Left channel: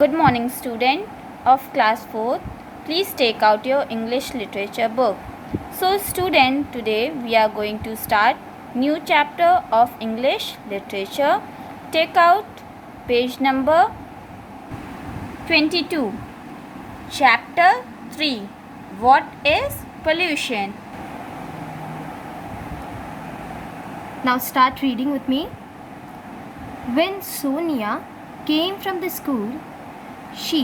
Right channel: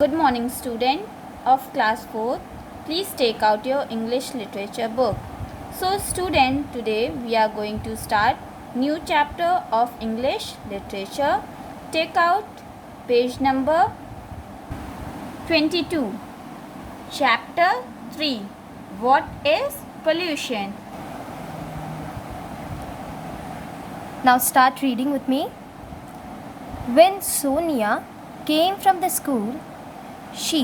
Good morning, student of class 4. Please take out your English literature book. So student, today we are going to start new chapter of English literature. Take out page number 22. Chapter 3. What is pollution? Now start reading with me. When Sonia came from the school, she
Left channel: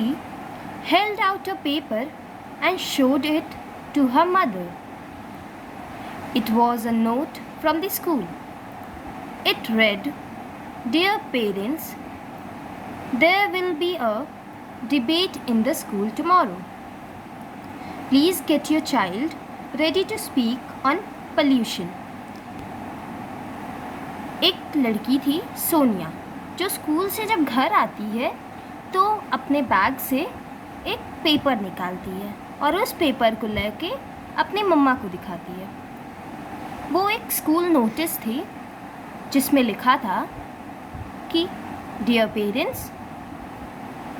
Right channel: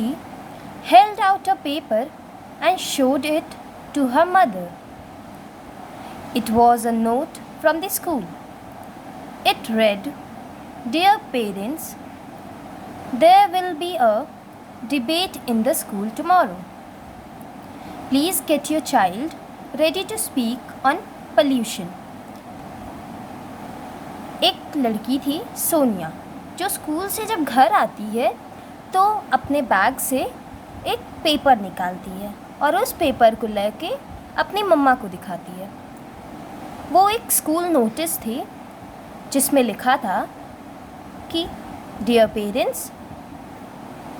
held out a paper and showed it to her mother. It was a note from the school. It read, "Dear parents, there will be a debate in the school tomorrow. Please get your child ready to speak on pollution." एक लड़की थी सोनिया, जो school से जब घर आती है तो अपने बैग से एक पेपर निकालती है और उस पेपर को लेके अपनी मम्मा को दिखाती है। वो एक स्कूल नोटिस थी जिसमें लिखा था कि डियर पेरेंट्स,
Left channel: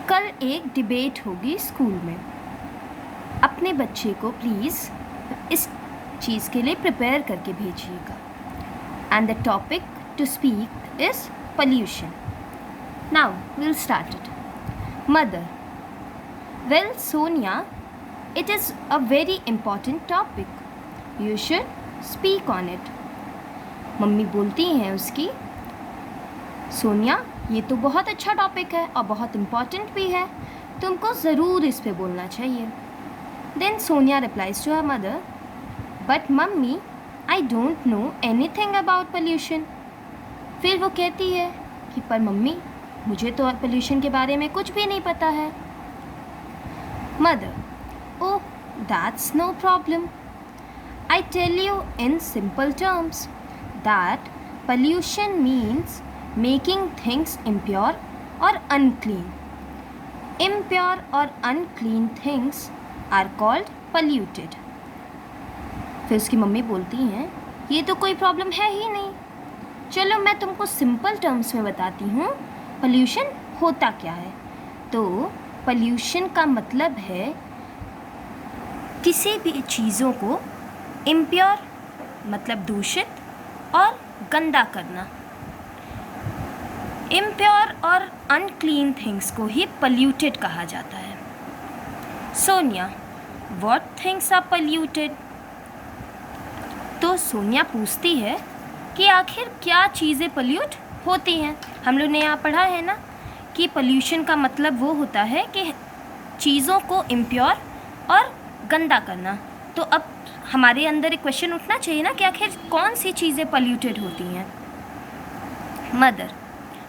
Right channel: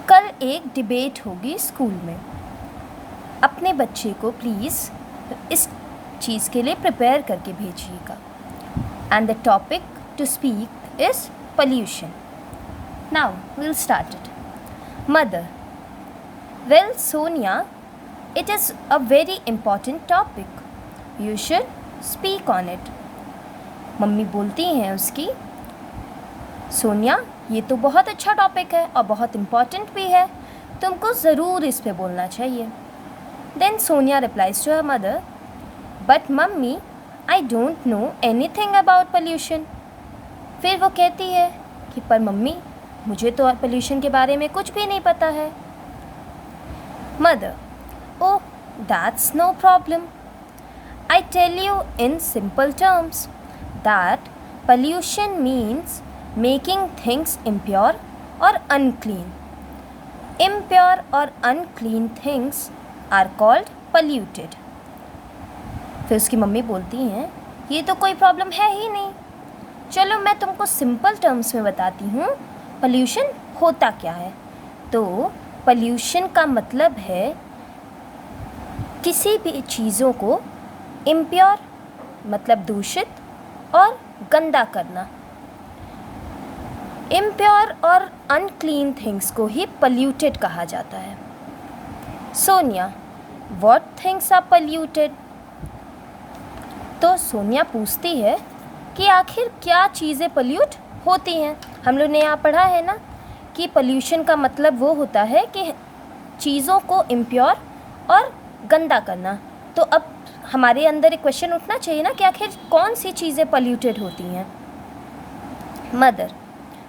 कल एक डिबेट होगी स्कूल में, अपने बच्चे को प्लीज़ इस चीज़ के लिए प्रिपेयर करके भेजिएगा। And the topic to speak is pollution. Now we'll start it. Mother: Well, Sonia, it is a very important topic. You should speak on it. Mummy बोलती हैं उसकी, सोनिया, ये तो बहुत अच्छा टॉपिक है और बहुत इम्पॉर्टेंट भी है, तुमको ज़रूर इस पे बोलना चाहिए। Then Sonia replies to her mother, But mummy, I don't know anything about pollution. फिर वो कहती है कि पर मम्मी, मुझे तो पोल्यूशन के बारे में कुछ भी नहीं पता है। Mother: oh, that's no problem. I tell you in simple terms that pollution means making things impure और अनक्लीन। इम्प्योर और unclean things are called polluted. फिर उसकी मम्मी बोलती हैं, ये तो कोई प्रॉब्लम है ही नहीं, चलो मैं तुमको सिंपल टर्म्स में बताती हूँ पोल्यूशन होता क्या है। तो पोल्यूशन का मतलब है किसी भी चीज़ों को इम्प्योर मतलब दूषित और गंदा करना। इम्प्योर और अनक्लीन थिंग्स को ही पोल्यूटेड कहा जाता है। Sonia: what things are polluted? तो सोनिया पूछती है कि आखिर क्या चीज़ें पोल्यूट होती हैं। हम लोग ने यहाँ पढ़ा है ना कि पोल्यूशन का मतलब वो होता है कि चीज़ों को इम्प्योर और गंदा करना। तो अब हमारे अंदर एक क्वेश्चन उठना चाहिए ना कि आखिर कौन सी चीज़ें पोल्यूटेड होती हैं। Mother:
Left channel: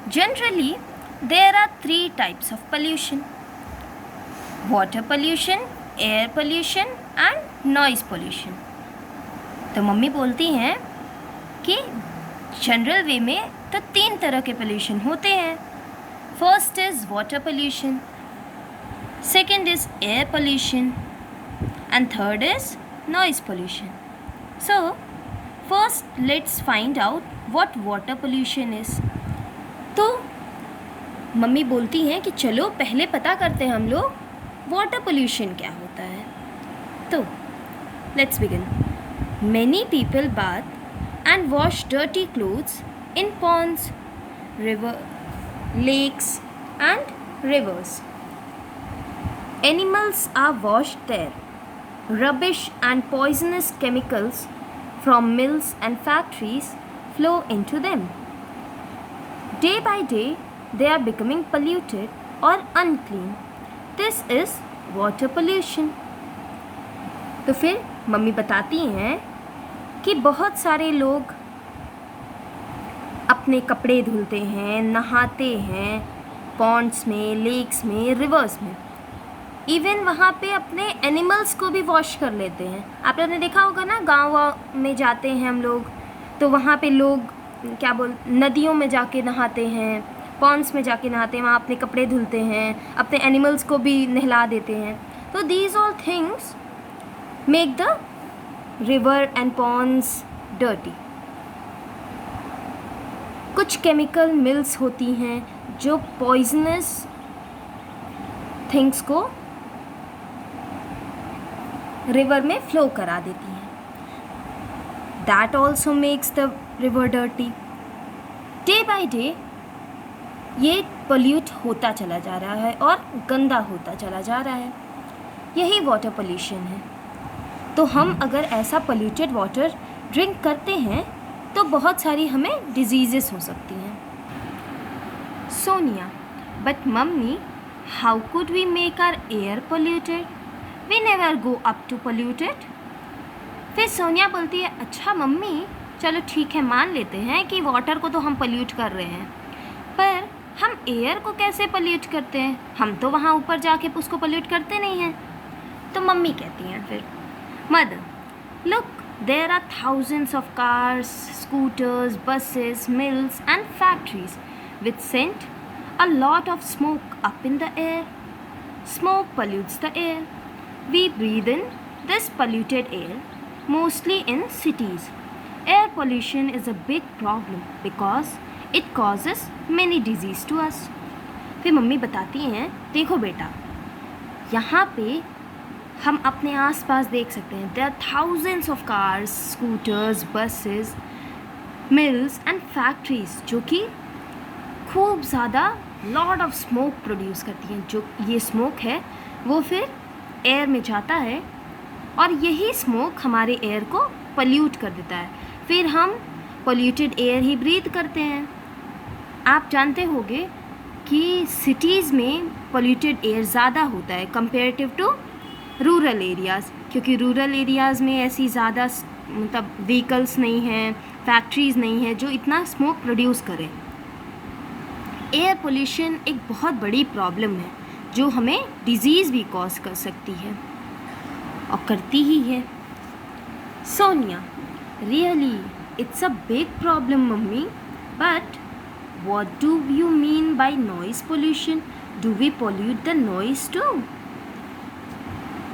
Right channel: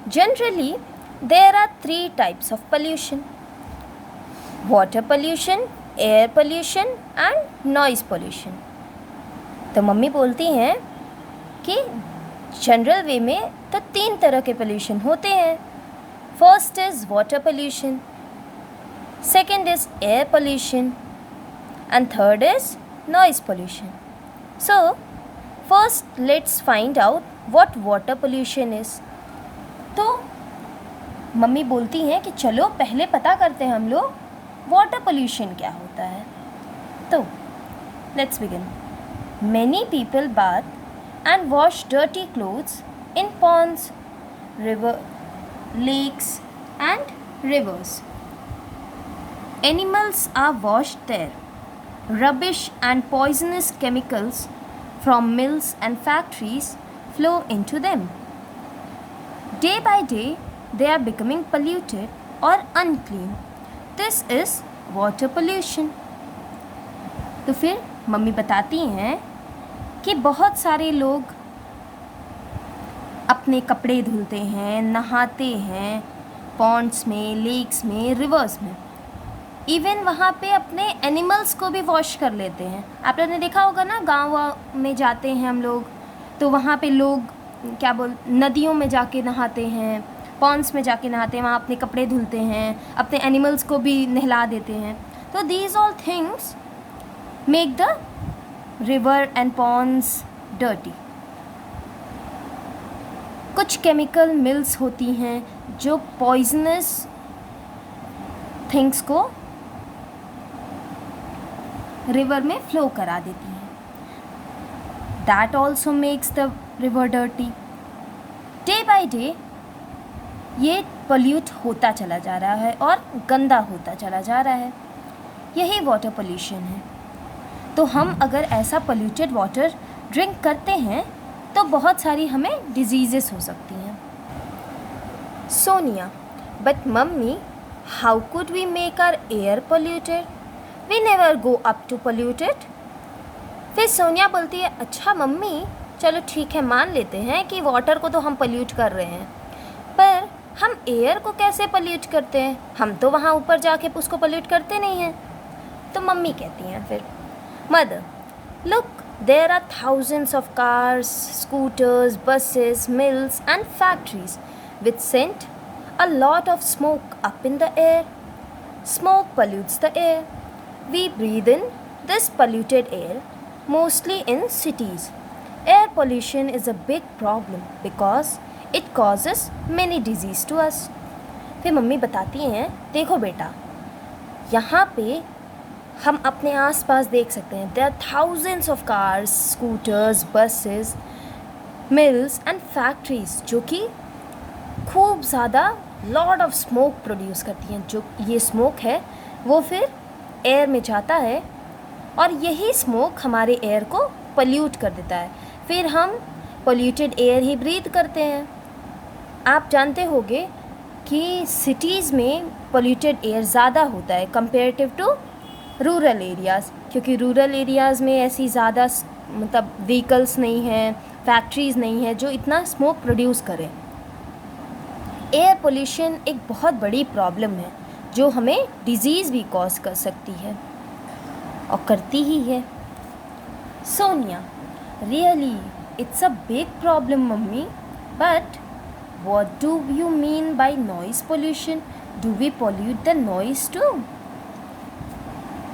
generally there are 3 types of pollution: water pollution, air pollution and noise pollution. तो मम्मी बोलती हैं कि जनरल वे में तो 3 तरह के पोल्यूशन होते हैं। First is water pollution, second is air pollution and third is noise pollution. So first let's find out what water pollution is. तो मम्मी बोलती हैं कि चलो पहले पता करते हैं हम लोग वाटर पोल्यूशन क्या होता है। तो let's begin. Many people bath and wash dirty clothes in ponds, lakes and rivers. Animals are washed there. Rubbish and poisonous chemicals from mills and factories flow into them. Day by day, they are becoming polluted or unclean. This is water pollution. तो फिर mummy बताती हैं कि बहुत सारे लोग अपने कपड़े धुलते हैं, नहाते हैं पॉन्ड्स में, लेक्स में, रिवर्स में। इवन वहाँ पे अपने एनिमल्स को भी वॉश कर लेते हैं। आप लोगों ने देखा होगा ना, गाँव में जाते हैं हम लोग तो वहाँ पे लोग नदियों में जाके नहाते हैं, पॉन्ड्स में जाके नहाते हैं, वहाँ अपने कपड़े धुलते हैं, अपने एनिमल्स को भी नहला देते हैं। तो these all things make the river and ponds dirty. कुछ केमिकल मिल्स होती हैं जो पॉइजनस थिंग्स को रिवर में फ्लो करा देती हैं. That also makes the river dirty. Day by day ये पोल्यूट होता चला जा रहा है और गंदा होता चला जा रहा है. यही वाटर पोल्यूशन है. तो हम अगर ऐसा पोल्यूटेड वाटर ड्रिंक करते हैं तो बहुत सारी हमें डिजीज़ेस हो सकती हैं. Sonia, but mummy, how could we make our air polluted? We never go up to polluted. फिर सोनिया बोलती है, अच्छा मम्मी, चलो ठीक है, मान लेते हैं कि वाटर को तो हम पोल्यूट कर रहे हैं, पर हम एयर को कैसे पोल्यूट करते हैं? हम तो वहाँ ऊपर जाके उसको पोल्यूट करते नहीं हैं. तो मम्मी कहती हैं फिर, mother, look, there are thousands of cars, scooters, buses, mills and factories which send a lot of smoke up in the air. Smoke pollutes the air. We breathe in this polluted air, mostly in cities. Air pollution is a big problem because it causes many diseases to us. फिर mummy बताती हैं, देखो बेटा, यहाँ पे हम अपने आसपास देख सकते हैं, there are thousands of cars, scooters, buses, mills and factories जो कि खूब ज़्यादा लॉट ऑफ स्मोक प्रोड्यूस करती हैं. जो ये स्मोक है वो फिर एयर में जाता है और यही स्मोक हमारे एयर को पोल्यूट कर देता है. फिर हम पोल्यूटेड एयर ही ब्रीथ करते हैं. आप जानते होंगे कि सिटीज़ में पोल्यूटेड एयर ज़्यादा होता है कंपेरेटिव टू रूरल एरियाज़, क्योंकि रूरल एरियाज़ में ऐसी ज़्यादा मतलब व्हीकल्स नहीं हैं, फैक्ट्रीज़ नहीं है जो इतना स्मोक प्रोड्यूस करें. एयर पोल्यूशन एक बहुत बड़ी प्रॉब्लम है जो हमें डिजीज़ भी कॉज कर सकती है और करती ही है. Sonia, really it's a big problem mummy, but what do you mean by noise pollution? Do we pollute the noise too?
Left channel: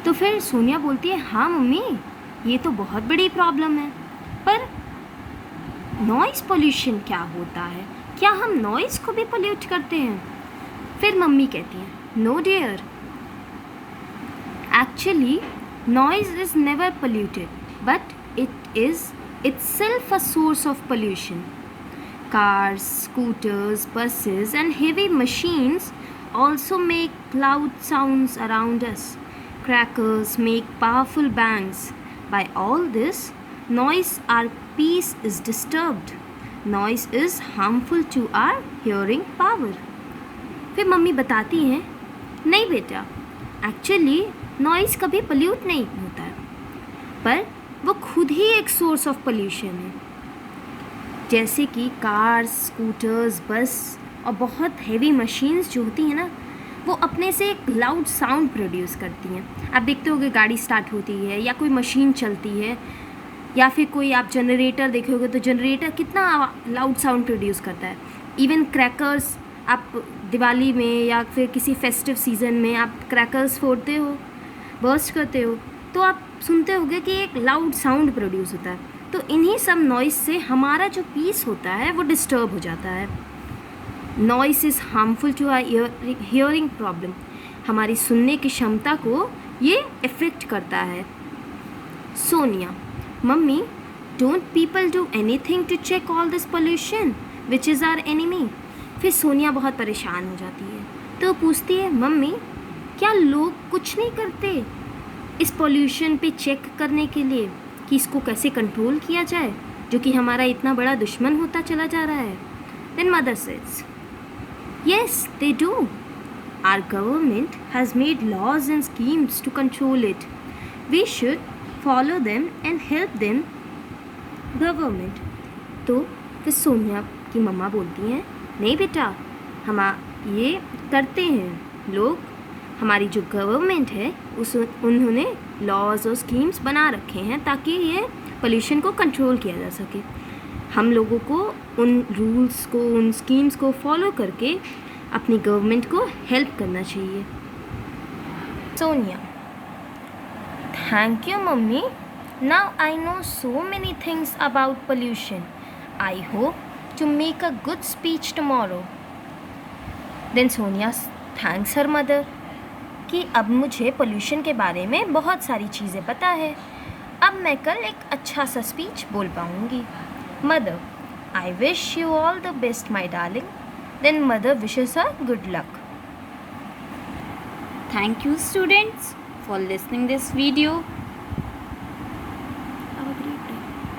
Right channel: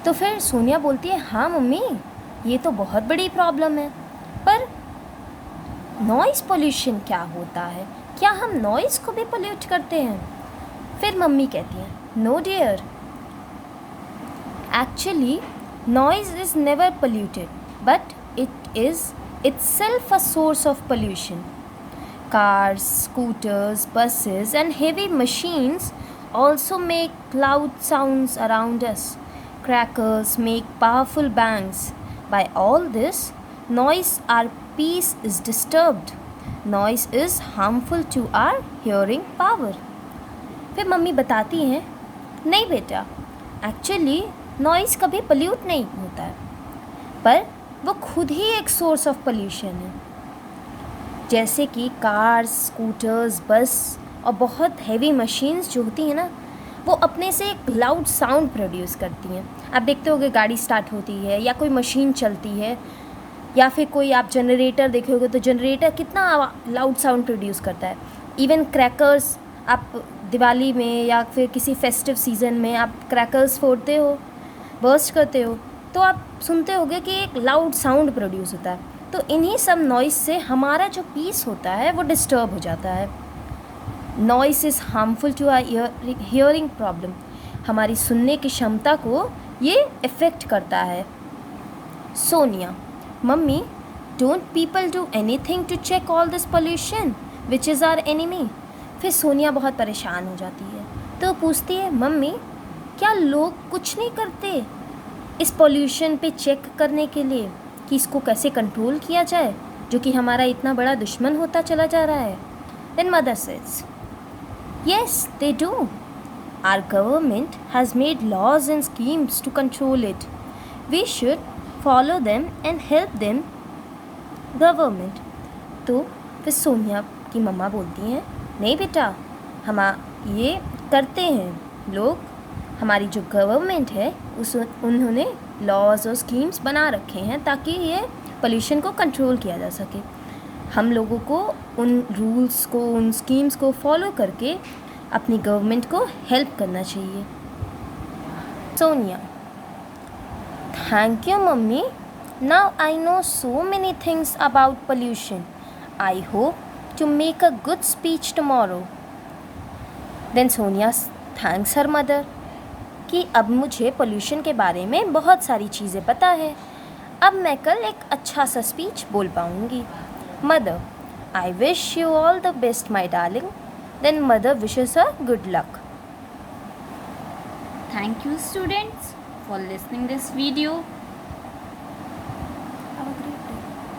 तो फिर सोनिया बोलती है, हाँ मम्मी, ये तो बहुत बड़ी प्रॉब्लम है, पर नॉइज़ पोल्यूशन क्या होता है? क्या हम नॉइज़ को भी पोल्यूट करते हैं? फिर मम्मी कहती हैं, no dear, actually noise is never polluted, but it is itself a source of pollution. Cars, scooters, buses and heavy machines also make loud sounds around us. Crackers make powerful bangs. By all this noise, our peace is disturbed. Noise is harmful to our hearing power. फिर mummy बताती हैं, नहीं बेटा, actually noise कभी pollute नहीं होता है, पर वो खुद ही एक सोर्स ऑफ पोल्यूशन है. जैसे कि कार्स, स्कूटर्स, बस और बहुत हैवी मशीन्स जो होती हैं ना, वो अपने से एक लाउड साउंड प्रोड्यूस करती हैं. आप देखते होंगे गाड़ी स्टार्ट होती है या कोई मशीन चलती है या फिर कोई आप जनरेटर देखे होगे तो जनरेटर कितना लाउड साउंड प्रोड्यूस करता है. इवन क्रैकर्स, आप दिवाली में या फिर किसी फेस्टिव सीज़न में आप क्रैकर्स फोड़ते हो, बर्स्ट करते हो, तो आप सुनते होंगे कि एक लाउड साउंड प्रोड्यूस होता है. तो इन्हीं सब नॉइस से हमारा जो पीस होता है वो डिस्टर्ब हो जाता है. Noise is harmful to our hearing problem. हमारी सुनने की क्षमता को ये इफ़ेक्ट करता है. Sonia, mummy, don't people do anything to check all this pollution which is our enemy? फिर सोनिया बहुत परेशान हो जाती है, तो पूछती है, मम्मी, क्या लोग कुछ नहीं करते इस पोल्यूशन पे चेक करने के लिए कि इसको कैसे कंट्रोल किया जाए, जो कि हमारा इतना बड़ा दुश्मन होता चला जा रहा है? Then mother says, yes they do. Our government has made laws and schemes to control it. We should follow them and help them government. तो फिर सोनिया की मम्मा बोलती हैं, नहीं बेटा, हम ये करते हैं लोग, हमारी जो गवर्नमेंट है उन्होंने लॉज और स्कीम्स बना रखे हैं ताकि ये पोल्यूशन को कंट्रोल किया जा सके. हम लोगों को उन रूल्स को, उन स्कीम्स को फॉलो करके अपनी गवर्नमेंट को हेल्प करना चाहिए. Sonia, thank you mummy. Now I know so many things about pollution. I hope to make a good speech tomorrow. Then Sonia thanks her mother. कि अब मुझे पोल्यूशन के बारे में बहुत सारी चीज़ें पता है। अब मैं कल एक अच्छा सा स्पीच बोल पाऊँगी। Mother, I wish you all the best my darling. Then mother wishes her good luck. Thank you students for listening this video.